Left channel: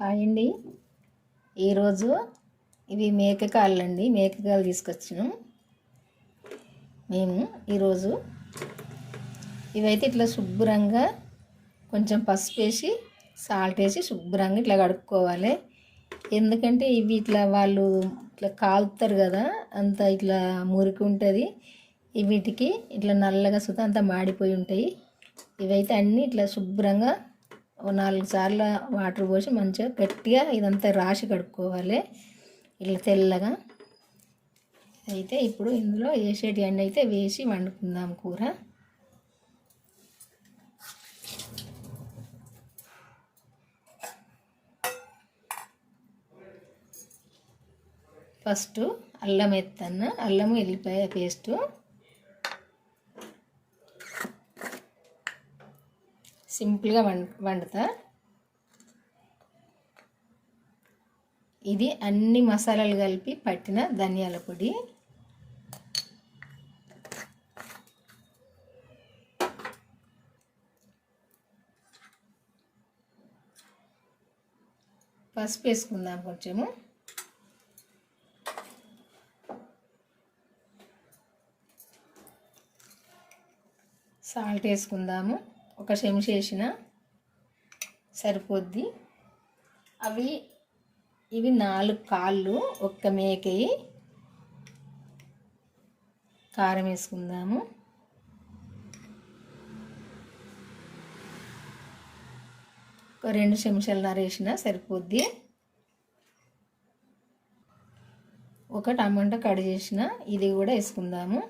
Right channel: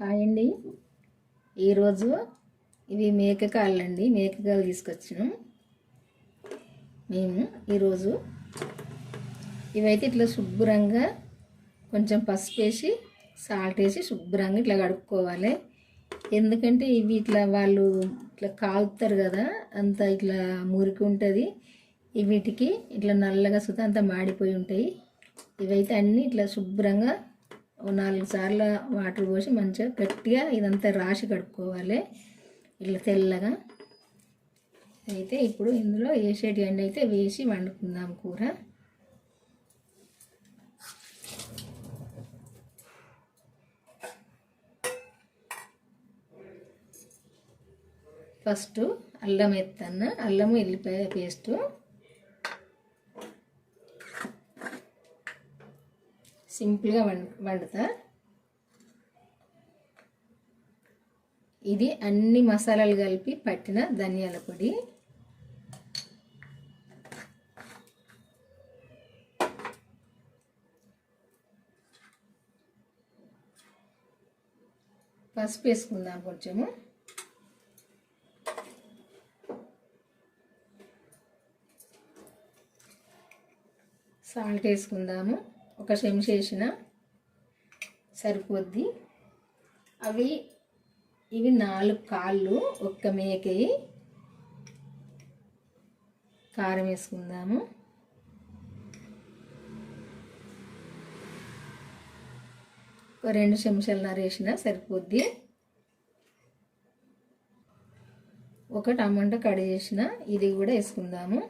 Hi అండి. ఈరోజు ఇవి మేకకాళ్ళండి. మేకకాయలు తీసుకొచ్చాను మేము ఈరోజు. ఇవైతే ఇట్లా శుభ్రంగా కొంచెం పసుపు వేసి సాల్ట్ వేసి శుభ్రంగా ఇట్లా కడుక్కోవాలి. ఎందుకంటే ఇవి ఇట్లా వాళ్ళు ఇట్లా కాలుతారు కదా, అంత ఇట్లా మురికి ఉంటుంది. వీటికి ఇట్లా నల్లగా సుత అంతా మాడిపోయి ఉంటాయి. ఇవైతే అన్నీ ఇట్లా శుభ్రంగా 4 సార్లు వాటర్ పోసి మంచిగా గట్టిగా ఇదంతా రాసి కడుక్కోవాలి ఇట్లా తెల్లగా. అయితే ఇప్పుడు ఇందులో వేసేటి అండి అయితే వేసి వండుకుందాం కూర. ఫస్ట్ అల్లం ఎత్తాను, అల్లము ఎల్లిపాయ పేస్టు, సింపుల్గా వండుతా. ఇది అన్ని మసాలాలు కలిపి పట్టిన ధనియాల పొడి, పసుపు వేసుకుందాం కొంచెము, సాల్ట్ వేసుకుందాము. ఒక చెంచా వేసిన సరిపోద్ది. ఇవి 4 కాళ్ళు ఒక్క మేకయి. కారం వేసుకుందాము. ఒక 2 చెంచాలు వేసిన సరిపోద్ది. ఒక టమాటా కట్ చేసిన ఇది కూడా వేసుకుందాము.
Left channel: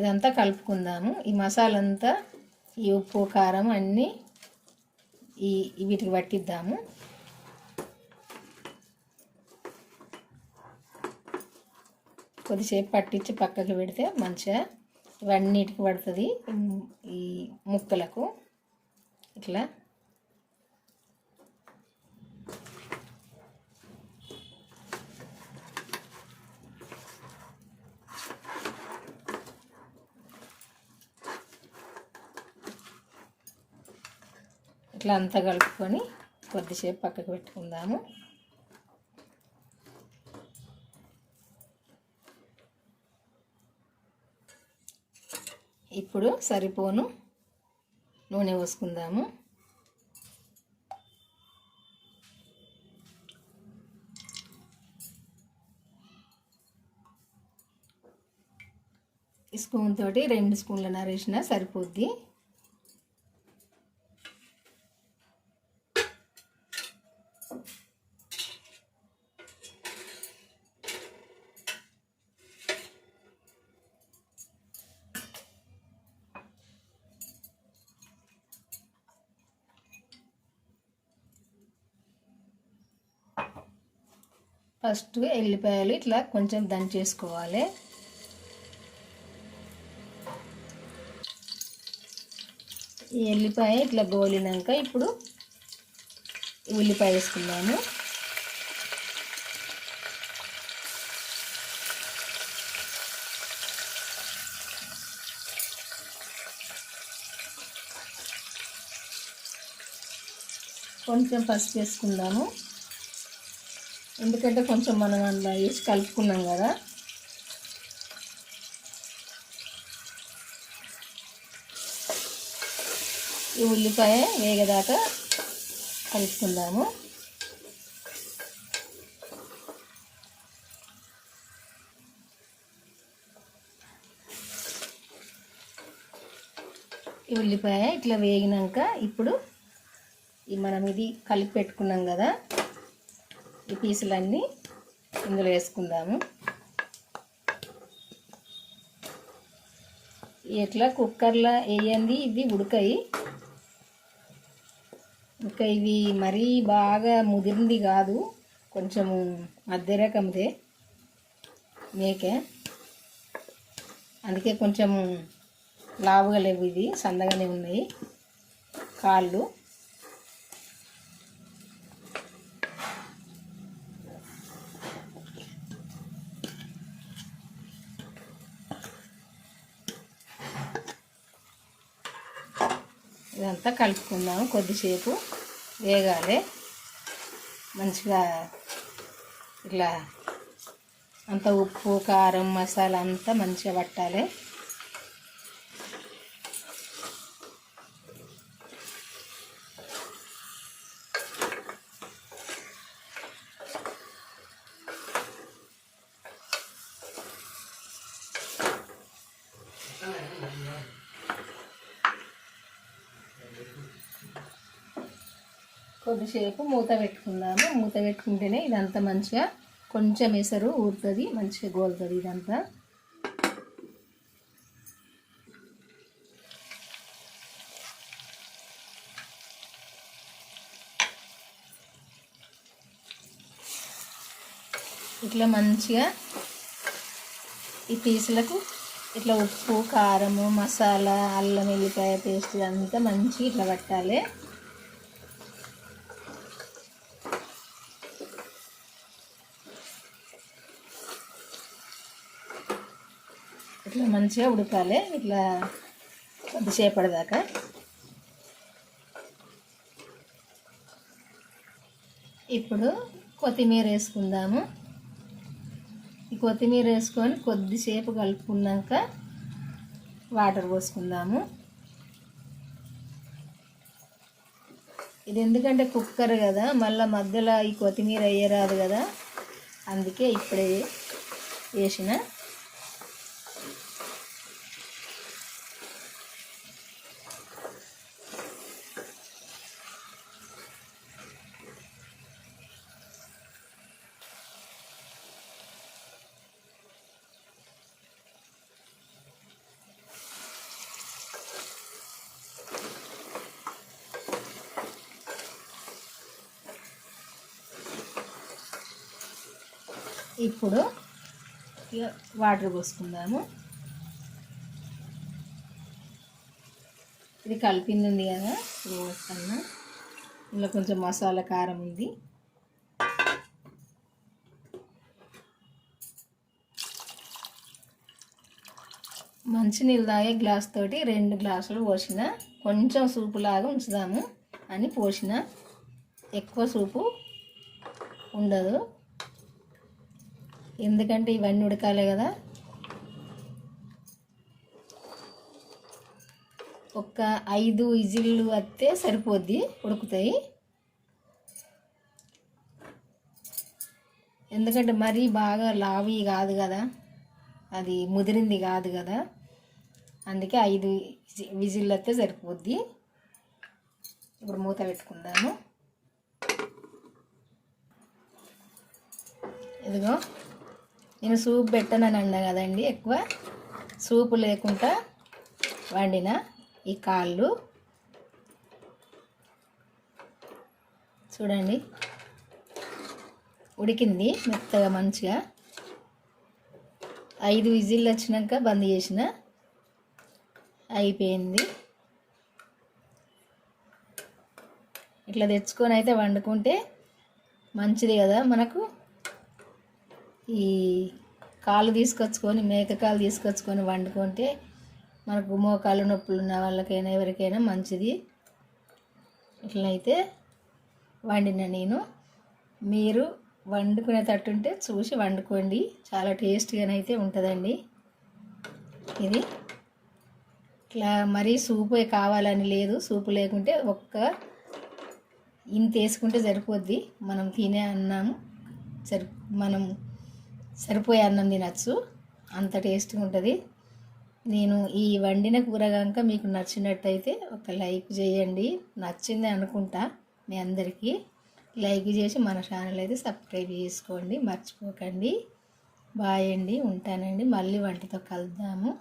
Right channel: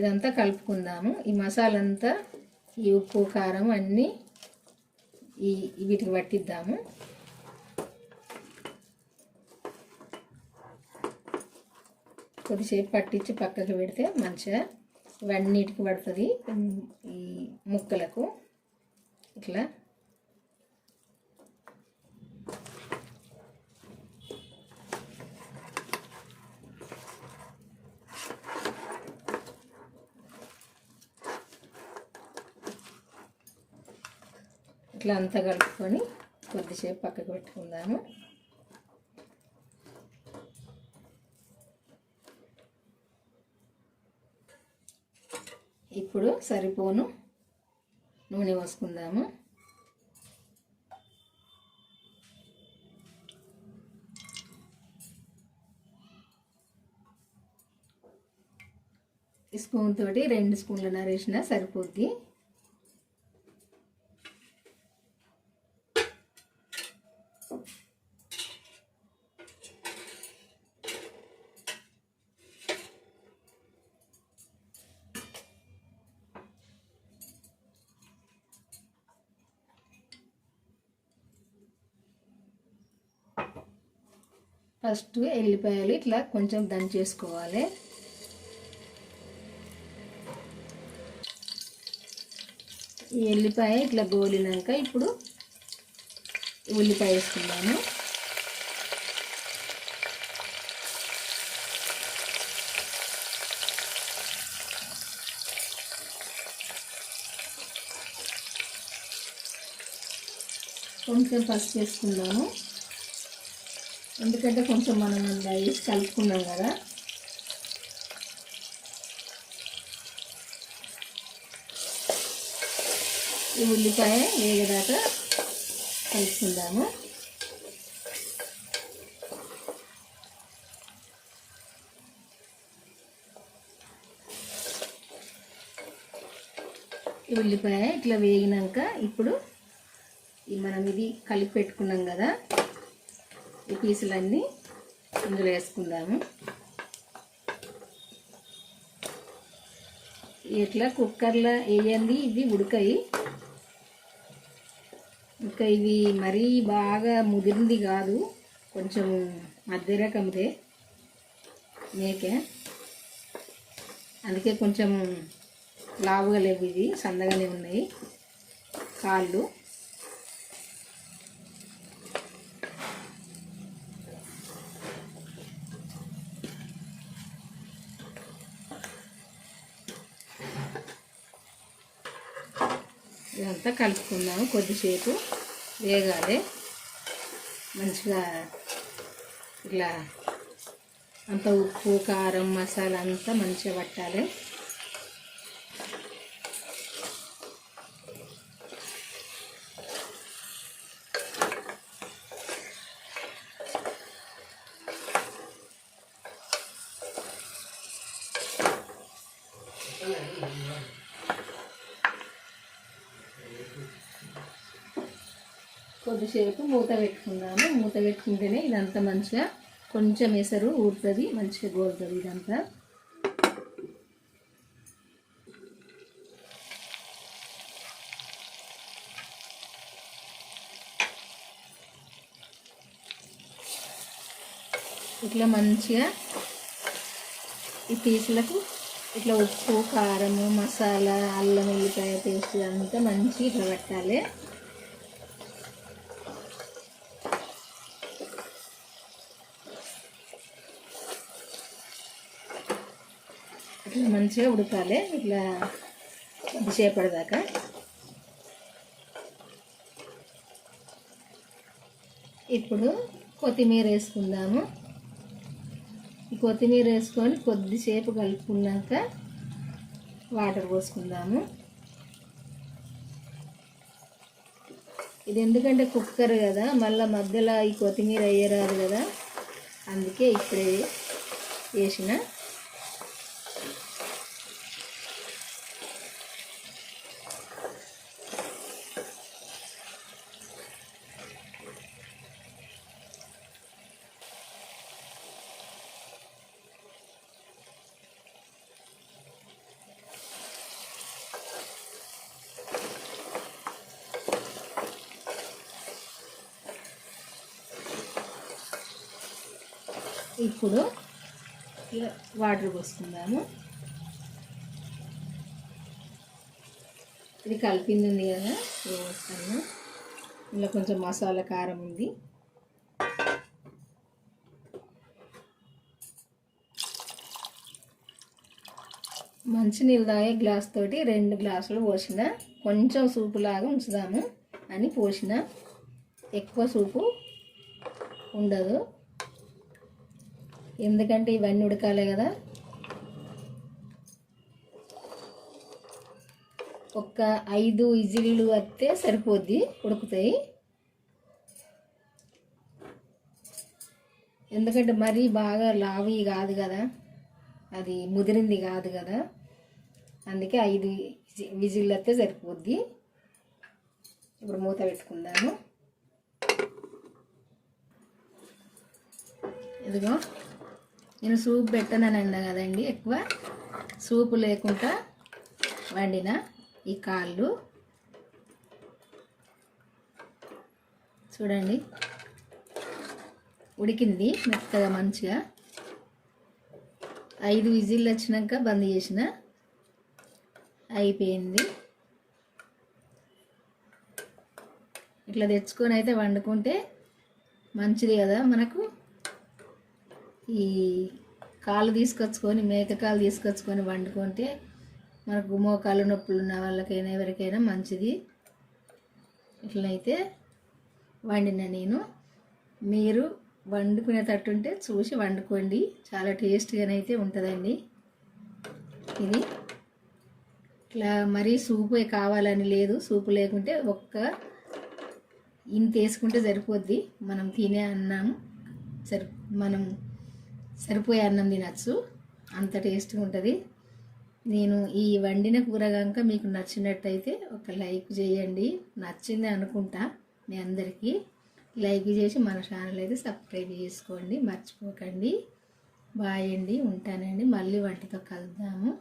ఇదంతా కలుపుకుందాము. ఈ మసాలా అంతా ఈ ఉప్పు కారం అన్నీ వీటికి పట్టిద్దాము. కొద్దిసేపు పట్టించి పక్కకి పెడితే మంచిగా ఇవన్నిటికి పడుతుంది. ఈ ముక్కలకు ఇట్లా ఇట్లా అంతా కలుపుకొని కొద్దిసేపు పక్కకు పెట్టుకుందాము. ఇప్పుడు సరిపోను నూనె పోసుకుందాము. ఈ స్పూన్ తోటి 2 స్పూన్ల నరేసిన సరిపోద్ది. ఫస్ట్ ఎల్లిపాయలు ఇట్లా కొంచెం దంచేసుకోవాలి. ఈ ఎల్లిపాయ ఇట్లా గోలినాక ఇప్పుడు ఉల్లిపాయ వేసుకుందాము. కొంచెం పసుపు వేసుకుందాము. ఎందుకంటే కొంచెం మనం అందులో వేసి కలుపుకున్నాం కదా. ఈ ఉల్లిపాయ వేగదాకా కలుపుకుందాము. ఈ ఉల్లిపాయ ఇట్లా వేగినాక ఇప్పుడు మనం ఇది కలిపి పెట్టుకున్నాం కదా, ఈ పీసులన్నీ ఇందులో వేసుకుందాము. ఇట్లా కుక్కర్లో వేయండి, ఇవి ఉడకాయి. ఇంకా ఇవి మరీ బాగా ముదిరింది కాదు, కొంచెం మధ్య రకందే మేకే, అందుకే కొంచెం లావుగా లేవు. ఇవి సన్నగానే ఉన్నాయి కాళ్ళు. ఇదంతా కలుపుకుందాము. కొద్దిసేపు వేగాలి. మంచిగా ఇట్లా అంత ఉప్పు కారం మసాలా అంతా మంచిగా పట్టాలి. కొద్దిసేపు మూత పెట్టుకుందాము. మూత పెట్టుకుంటేనే ఇదంతా మంచిగా కొంచెం ఎసరు ఊరుతుంది, మంచిగా గోలుతుంది ఇదంతా. ఇట్లా మంచిగా ఈ పీసులకు ఇట్లా ఉప్పు కారము మసాలా అల్లం వెల్లిపాయ పేస్ట్ అంతా మంచిగా ఇట్లా పట్టాలి. ఇట్లా మంచిగా ఉడకాలి. ఇట్లా కొద్దిసేపటిదాకా. ఇప్పుడు కొత్తిమీర వేసుకుందాము. ఈ కొత్తిమీర వేసుకొని కొద్దిసేపు కలుపుకున్నాక వాటర్ పోసుకుందాము. ఇది ఎందుకంటే కుక్కర్ కదా, మళ్ళీ మధ్యలో ఈ కొత్తిమీర వేయరాదు కదా, అందుకే ఇప్పుడే వేసిన. ఇప్పుడు వాటర్ పోసుకుందాము. ఇది కలిపింది ఉంది కదా, వేస్తాను. ఇందులో కొంచెం మసాలా కారం ఉంది. మంచినీళ్ళు తాగే గ్లాస్ తోటి 2 గ్లాసులు పోసిన. కొంచెం సూపు లాగా ఉంచుదాము అని పోసిన. ఎక్కువ సూపు ఉండదు, ఎందుకంటే ఇవన్నీ ఉడకాలి కదా. ఒక 5 విజిల్లు వస్తే సరిపోద్ది, ఉడుకుతాయి. ఎందుకంటే మరీ బాగా లావి కాదు కదా, అది ముదిరింది కాదు కదా, అందుకే 5 విజిల్లు వస్తే సరిపోద్ది. ఇప్పుడు మూత పెట్టుకుందాము. ఇదిగో నేను సూప్ పెట్టనని అన్నా కదండి, ఎక్కువ సూపు లేకుండా వండిన ఈ కాళ్ళు చూడండి, ఉడికింది మెత్తగా మంచిగా. 5 విజిల్లు వచ్చినాక బంద్ చేసిన, అయిపోయింది. ఇట్లా తెచ్చుకొని అయితే వండుకుంటే మంచిది కదా మనకు. ఈ కాళ్ళు తీసుకొచ్చుకొని, మేక కాళ్ళు తీసుకొచ్చుకొని వండుకుంటే మనకు మోకాళ్ళు నొప్పులు ఉన్న వాళ్ళకైనా ఎవరికైనా మంచిది. ఇట్లయితే వండిన నేను. మీరు వండుకునేటట్టుంటే చూసి వండుకోండి, చాలా టేస్ట్గానైతే ఉంటుందండి. ఇది ఇట్లా మరీ సూపు కావాలని లేదు, సూపు లేకుంటే ఇంత వేసుకుంటే సరిపోద్ది. మనం తినే అన్నం మనం సరిపోయే అన్నం తినచ్చు, అంత టేస్ట్గా ఉంటుంది. నేను ఈ వండిన కూర కనుక మీకు నచ్చినట్టయితే ఒక లైక్ చేయండి. నచ్చింది అనుకుంటా మీ అందరికీ. లైక్ చేసి మన ఛానల్ అయితే సబ్స్క్రైబ్ చేసుకోండి, మర్చిపోకండి. బాయ్ అండి, ఉంటానండి. మళ్ళీ వంటతో కలుద్దాము.